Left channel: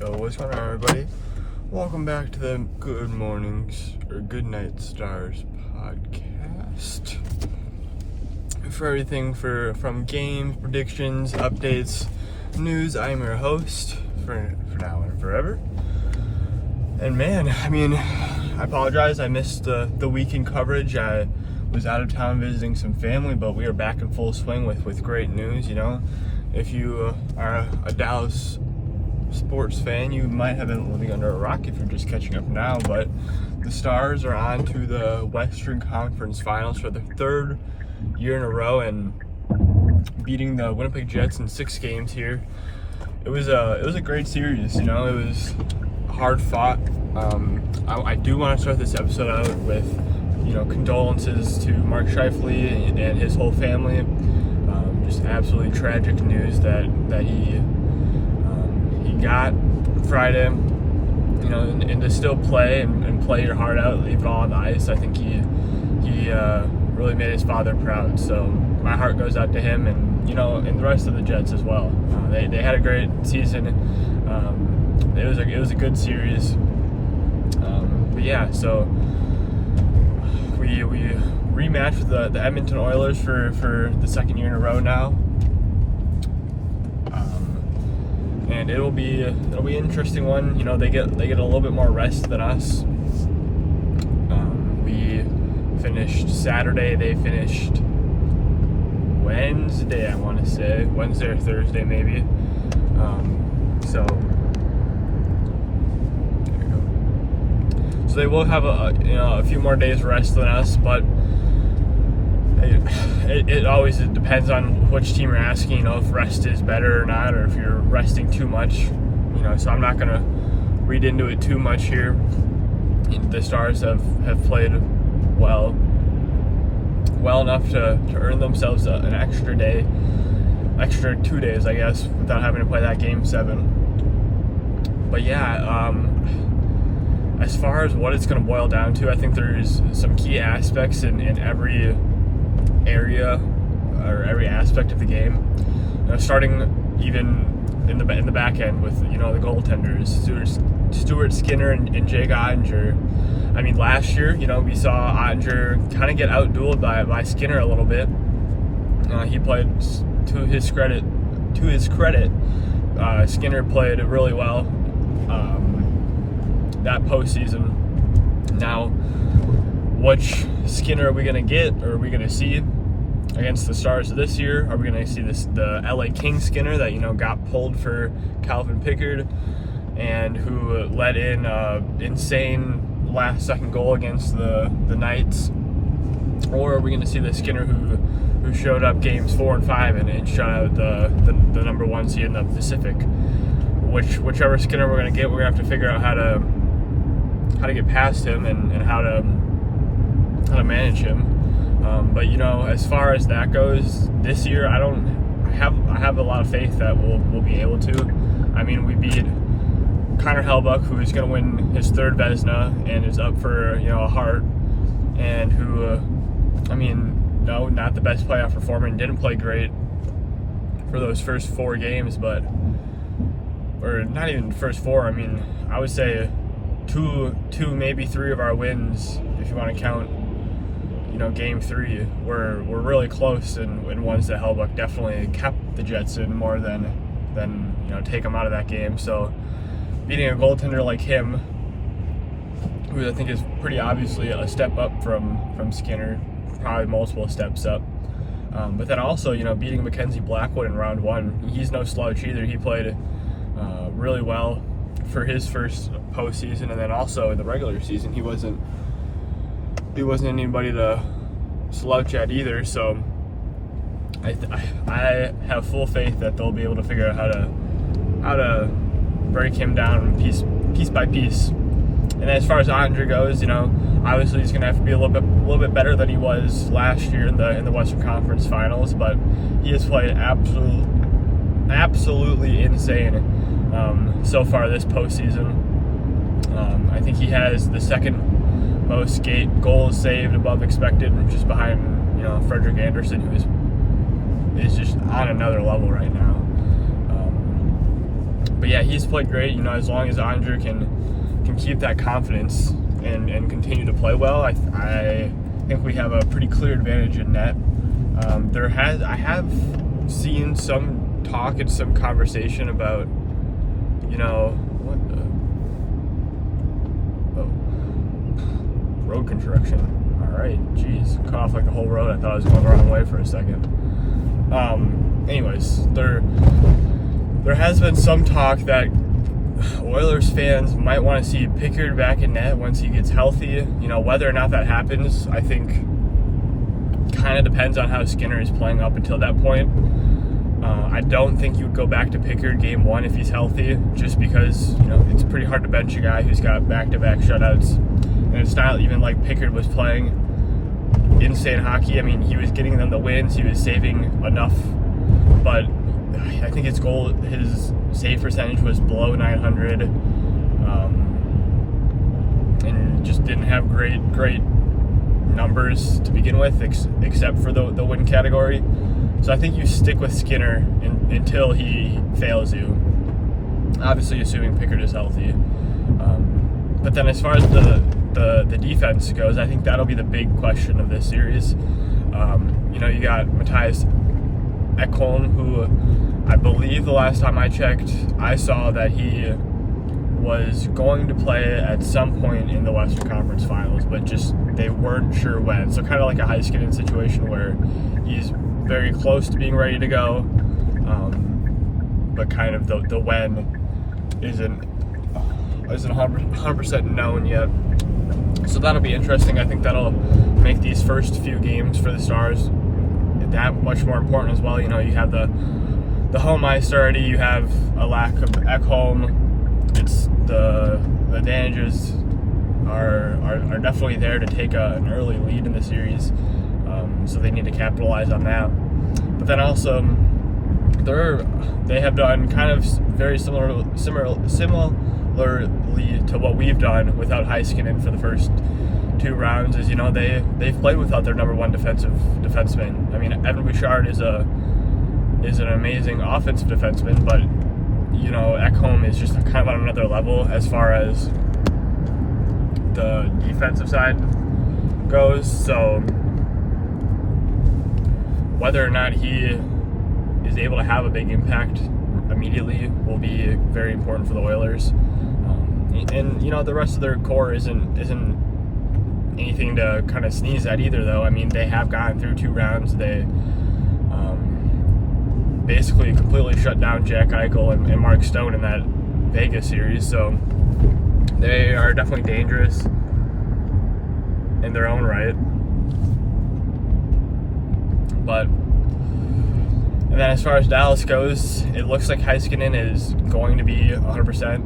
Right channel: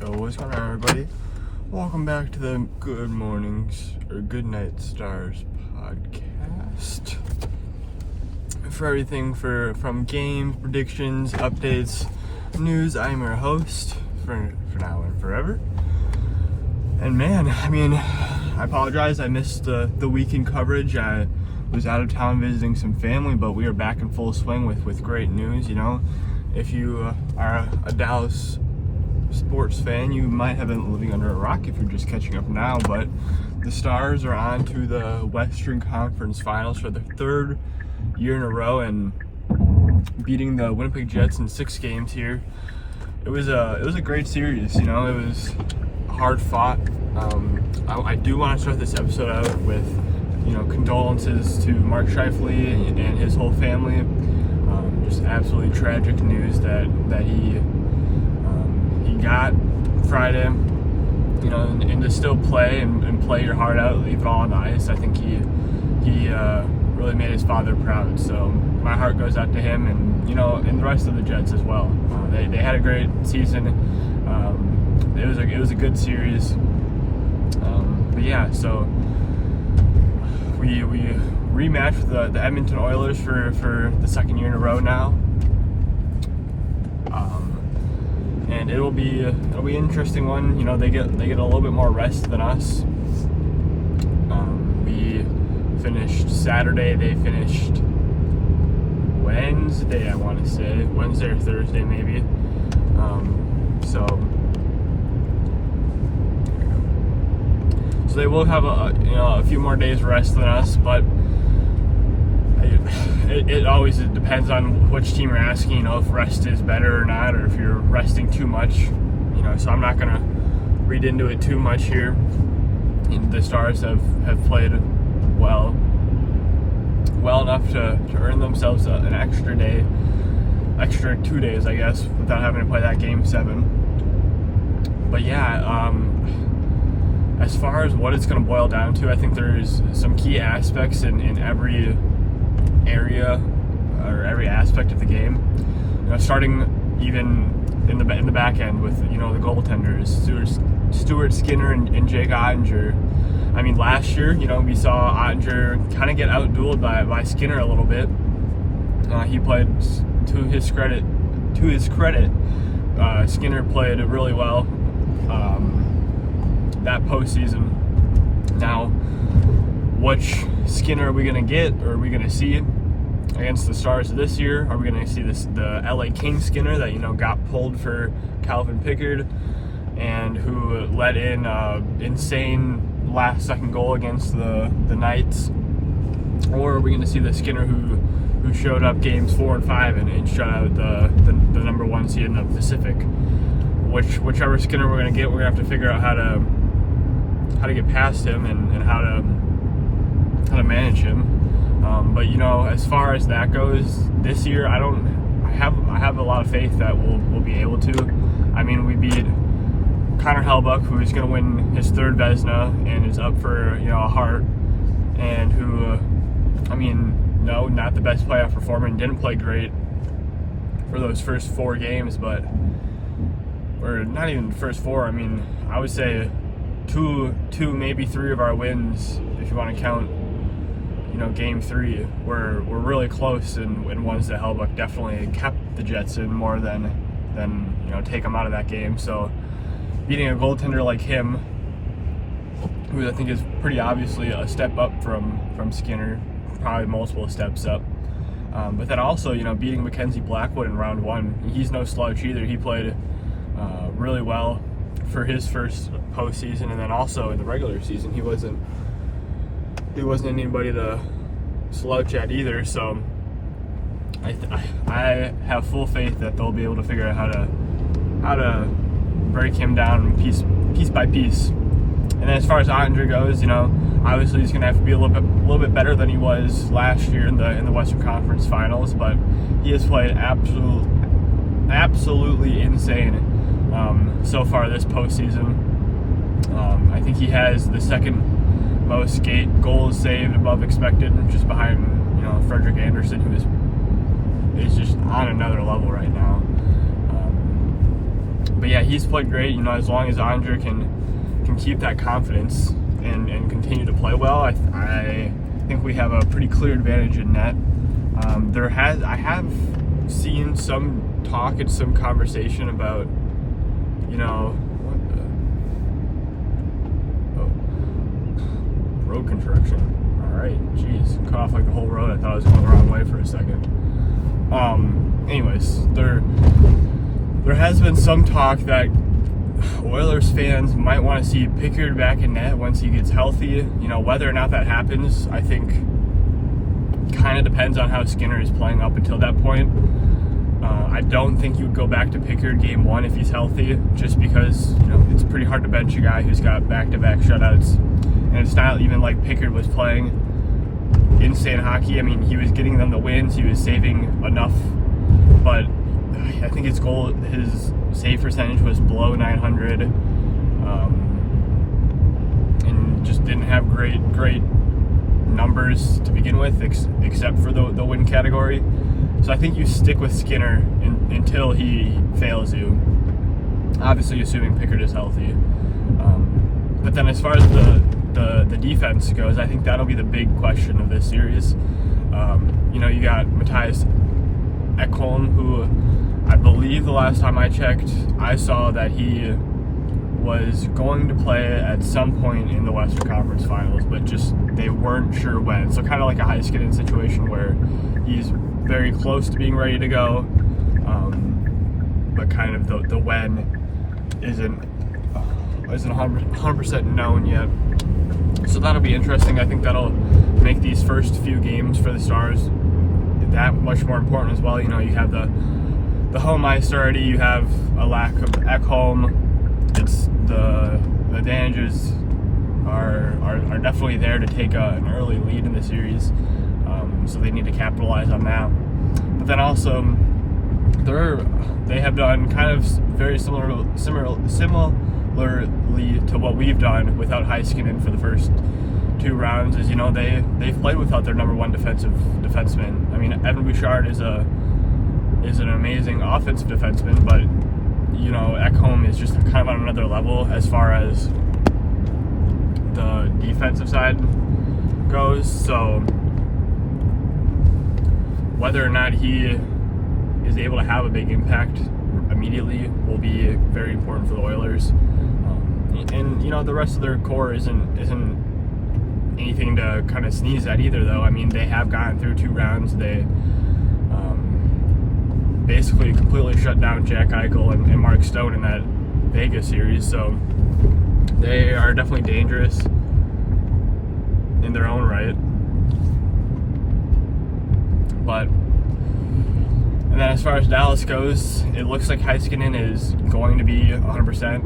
Yo, what's going on, everybody? Welcome back to the Good Mornings or Good Night Stars podcast. For everything from games, predictions, updates, news, I'm your host for now and forever. And man, I apologize. I missed the weekend coverage. I was out of town visiting some family, but we are back in full swing with great news. You know, if you are a Dallas sports fan, you might have been living under a rock if you're just catching up now, but the Stars are on to the Western Conference Finals for the third year in a row and beating the Winnipeg Jets in 6 games here. It was a great series. You know, it was hard fought. I do want to start this episode out with, you know, condolences to Mark Scheifele and his whole family. Just absolutely tragic news that he got Friday, you know, and to still play and play your heart out, leave it all on the ice. I think he really made his father proud. So my heart goes out to him, and you know, and the rest of the Jets as well. They had a great season. It was a good series. But yeah, so we rematched with the Edmonton Oilers for the second year in a row now. And it'll be an interesting one. You know, they get a little bit more rest than us. We finished Saturday. They finished Wednesday. I want to say Wednesday or Thursday, maybe. So there you go. So they will have a few more days rest than us, but it always depends on which team you're asking, you know, if rest is better or not, or if you're resting too much, you know, so I'm not going to read into it too much here. The Stars have played well enough to earn themselves an extra 2 days, I guess, without having to play that Game 7. But yeah, as far as what it's going to boil down to, I think there's some key aspects in every area or every aspect of the game. You know, starting even in the back end with, you know, the goaltenders, Stuart Skinner and Jake Ottinger. I mean, last year, you know, we saw Ottinger kind of get outdueled by Skinner a little bit. He played to his credit. Skinner played really well that postseason. Now, which Skinner are we going to get, or are we going to see against the Stars this year? Are we going to see the LA Kings Skinner that, you know, got pulled for Calvin Pickard and who let in insane last-second goal against the Knights? Or are we going to see the Skinner who showed up games 4 and 5 and shut out the number 1 seed in the Pacific? Whichever Skinner we're going to get, we're going to have to figure out how to get past him and how to manage him. But you know, as far as that goes, this year I have a lot of faith that we'll be able to. I mean, we beat Connor Hellebuyck, who is going to win his 3rd Vezina and is up for, you know, a Hart, and who, no, not the best playoff performer and didn't play great for those first 4 games, or not even the first 4. I mean, I would say two, maybe 3 of our wins, if you want to count, you know, Game 3, were really close, and ones that Hellebuyck definitely kept the Jets in more than you know, take them out of that game. So beating a goaltender like him, who I think is pretty obviously a step up from Skinner, probably multiple steps up. But then also, you know, beating Mackenzie Blackwood in round 1, he's no slouch either. He played really well for his first postseason, and then also in the regular season, he wasn't anybody to slouch at either. So I have full faith that they'll be able to figure out how to break him down piece by piece. And then as far as Ottinger goes, you know, obviously he's going to have to be a little bit better than he was last year in the Western Conference Finals, but he has played absolutely insane so far this postseason. I think he has the second most goals saved above expected, just behind, you know, Frederick Anderson, who is just on another level right now. But yeah, he's played great. You know, as long as Andre can keep that confidence and continue to play well, I think we have a pretty clear advantage in net. I have seen some talk and some conversation about, you know, road construction. All right, geez, cut off like the whole road. I thought I was going the wrong way for a second. Anyways, there has been some talk that Oilers fans might want to see Pickard back in net once he gets healthy. You know, whether or not that happens, I think kind of depends on how Skinner is playing up until that point. I don't think you would go back to Pickard game 1 if he's healthy, just because, you know, it's pretty hard to bench a guy who's got back-to-back shutouts. And it's not even like Pickard was playing insane hockey. I mean, he was getting them the wins, he was saving enough, but I think his save percentage was below 900, and just didn't have great numbers to begin with, except for the win category. So I think you stick with Skinner until he fails you, obviously assuming Pickard is healthy. But then as far as the defense goes, I think that'll be the big question of this series. You know, you got Matthias Ekholm, who I believe the last time I checked, I saw that he was going to play at some point in the Western Conference Finals, but just they weren't sure when. So kind of like a Heiskanen situation where he's very close to being ready to go, but kind of the when isn't 100% known yet. So that'll be interesting. I think that'll make these first few games for the Stars that much more important as well. You know, you have the home ice already, you have a lack of Ekholm. It's the advantages are definitely there to take an early lead in the series, so they need to capitalize on that. But then also, they have done kind of very similarly to what we've done without Heiskanen for the first 2 rounds. Is, you know, they've played without their number 1 defenseman. I mean, Evan Bouchard is an amazing offensive defenseman, but you know, Ekholm is just kind of on another level as far as the defensive side goes. So whether or not he is able to have a big impact immediately will be very important for the Oilers. And you know, the rest of their core isn't anything to kind of sneeze at either, though. I mean, they have gotten through 2 rounds. They basically completely shut down Jack Eichel and Mark Stone in that Vegas series, so they are definitely dangerous in their own right. But and then as far as Dallas goes, it looks like Heiskanen is going to be 100%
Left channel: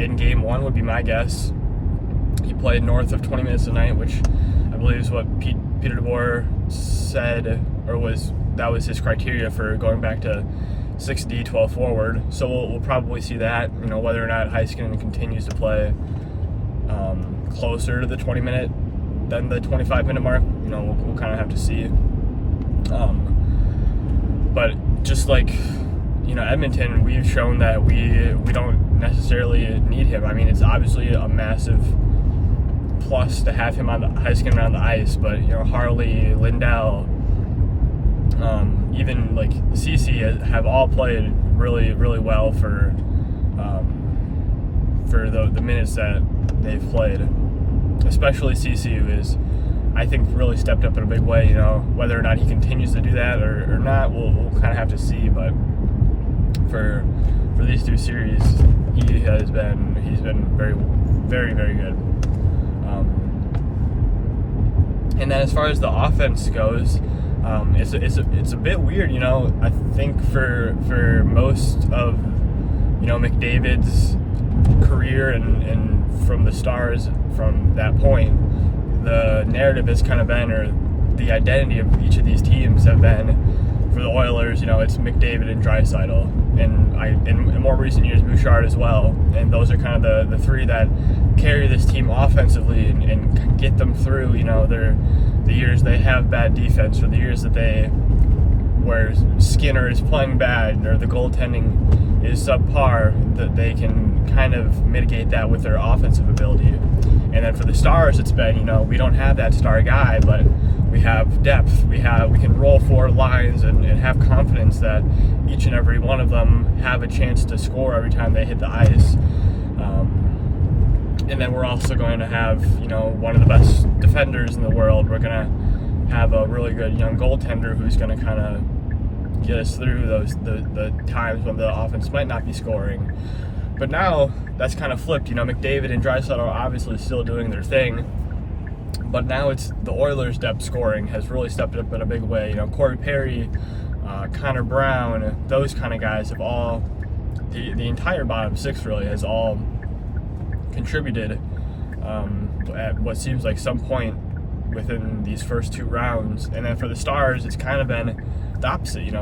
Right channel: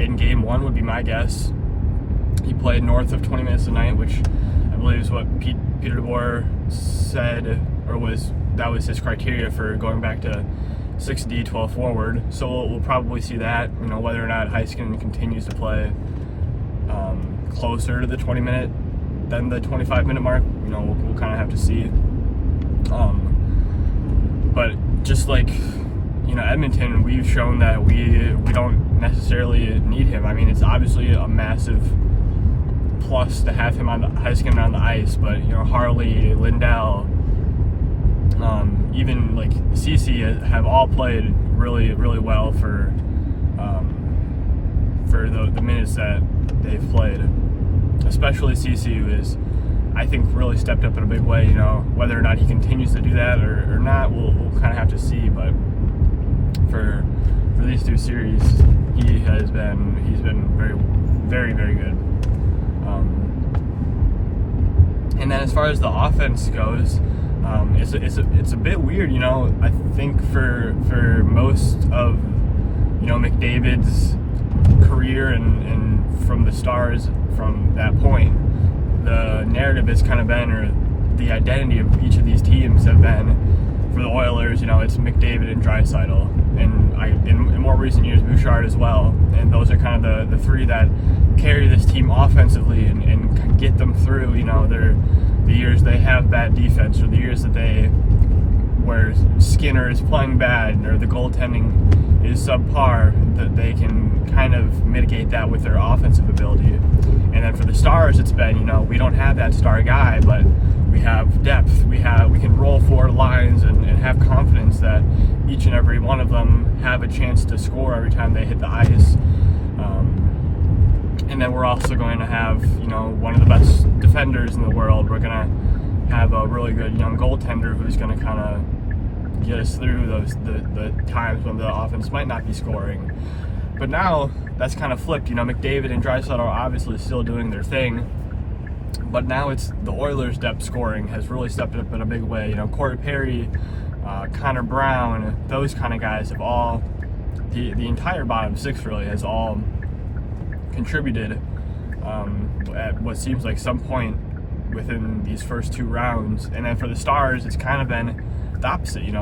in game 1 would be my guess. He played north of 20 minutes a night, which I believe is what Peter DeBoer said, or that was his criteria for going back to 6D, 12 forward. So we'll probably see that, you know, whether or not Heiskanen continues to play closer to the 20-minute than the 25-minute mark. You know, we'll kind of have to see. But just like, you know, Edmonton, we've shown that we don't necessarily need him. I mean, it's obviously a massive plus to have him on the Heiskanen on the ice, but you know, Harley, Lindell, even like CC have all played really, really well for the minutes that they've played. Especially CC, who is, I think, really stepped up in a big way. You know, whether or not he continues to do that or not, we'll kind of have to see. But for these 2 series, he's been very, very, very good. And then as far as the offense goes, it's a bit weird, you know. I think for most of, you know, McDavid's career and from the Stars from that point, the narrative has kind of been, or the identity of each of these teams have been, for the Oilers, you know, it's McDavid and Draisaitl, and in more recent years Bouchard as well, and those are kind of the 3 that carry this team offensively and get them through, you know, the years they have bad defense, or the years that they where Skinner is playing bad or the goaltending is subpar, that they can kind of mitigate that with their offensive ability. And then for the Stars, it's been, we don't have that star guy, but we have depth. We can roll 4 lines and have confidence that each and every one of them have a chance to score every time they hit the ice. And then we're also going to have, one of the best defenders in the world. We're going to have a really good young goaltender who's going to kind of get us through the times when the offense might not be scoring. But now that's kind of flipped. McDavid and Draisaitl are obviously still doing their thing, but now it's the Oilers' depth scoring has really stepped up in a big way. Corey Perry, Connor Brown, those kind of guys have all, the entire bottom 6 really has all contributed at what seems like some point within these first 2 rounds. And then for the Stars, it's kind of been the opposite. You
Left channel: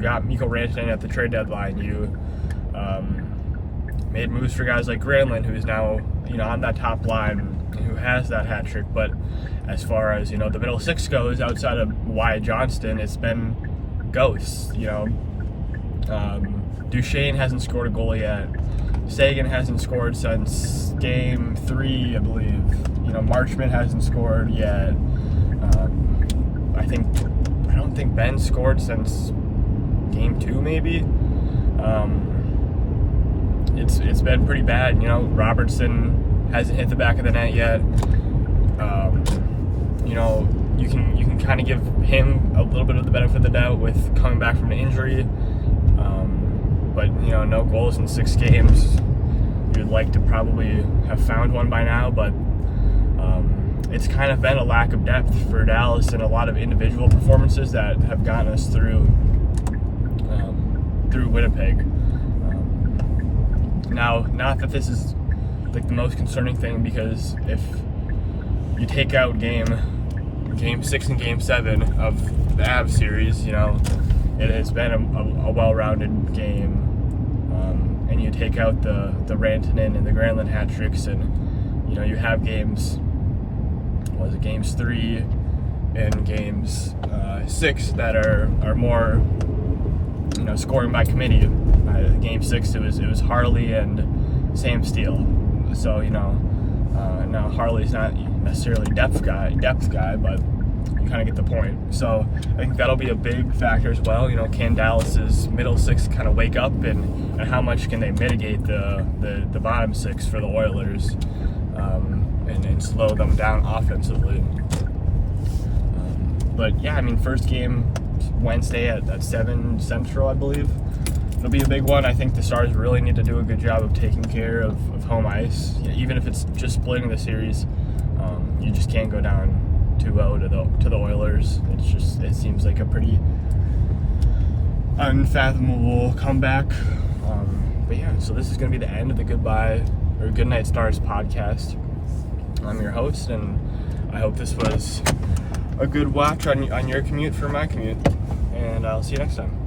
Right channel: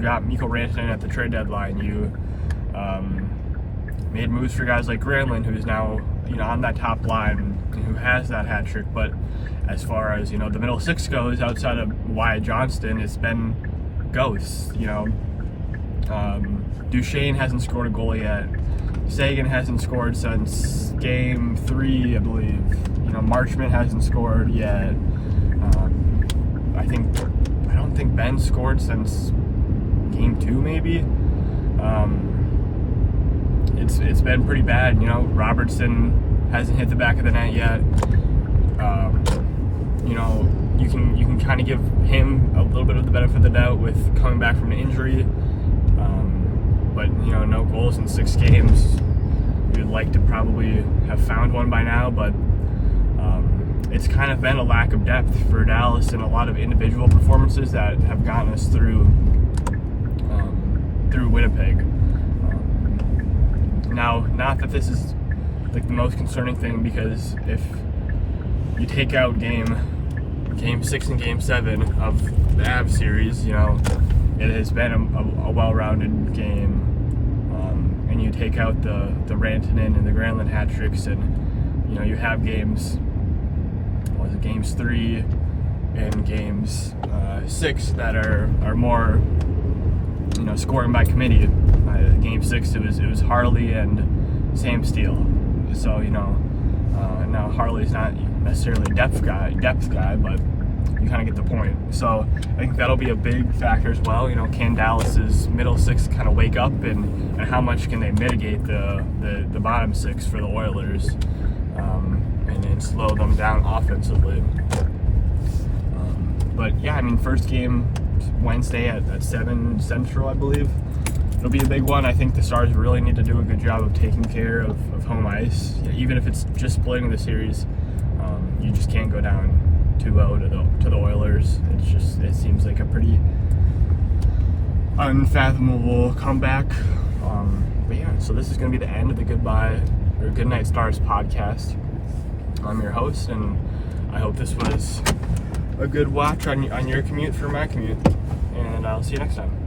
got Mikko Rantanen at the trade deadline. You made moves for guys like Granlund, who's now on that top line and who has that hat trick. But as far as the middle 6 goes, outside of Wyatt Johnston, it's been ghosts. Duchesne hasn't scored a goal yet. Sagan hasn't scored since Game 3, I believe. Marchment hasn't scored yet. I don't think Ben scored since Game 2, maybe. It's been pretty bad. Robertson hasn't hit the back of the net yet. You can kind of give him a little bit of the benefit of the doubt with coming back from an injury. But no goals in 6 games. We would like to probably have found one by now, but it's kind of been a lack of depth for Dallas and a lot of individual performances that have gotten us through Winnipeg. Now, not that this is like the most concerning thing, because if you take out game 6 and game 7 of the Avs series, it has been a well-rounded game. And you take out the Rantanen and the Granlund hat tricks, and you have games 3 and games 6 that are more scoring by committee. Game 6 it was Harley and Sam Steele. So now Harley's not necessarily a depth guy, but you kind of get the point. So I think that'll be a big factor as well. Can Dallas's middle 6 kind of wake up, and how much can they mitigate the bottom 6 for the Oilers, and slow them down offensively. But yeah, first game Wednesday at 7 Central, I believe. It'll be a big one. I think the Stars really need to do a good job of taking care of home ice. Even if it's just splitting the series, you just can't go down 2-0 to the Oilers. It seems like a pretty unfathomable comeback. But yeah, so this is going to be the end of the Good Night Stars podcast. I'm your host, and I hope this was a good watch on your commute for my commute. And I'll see you next time.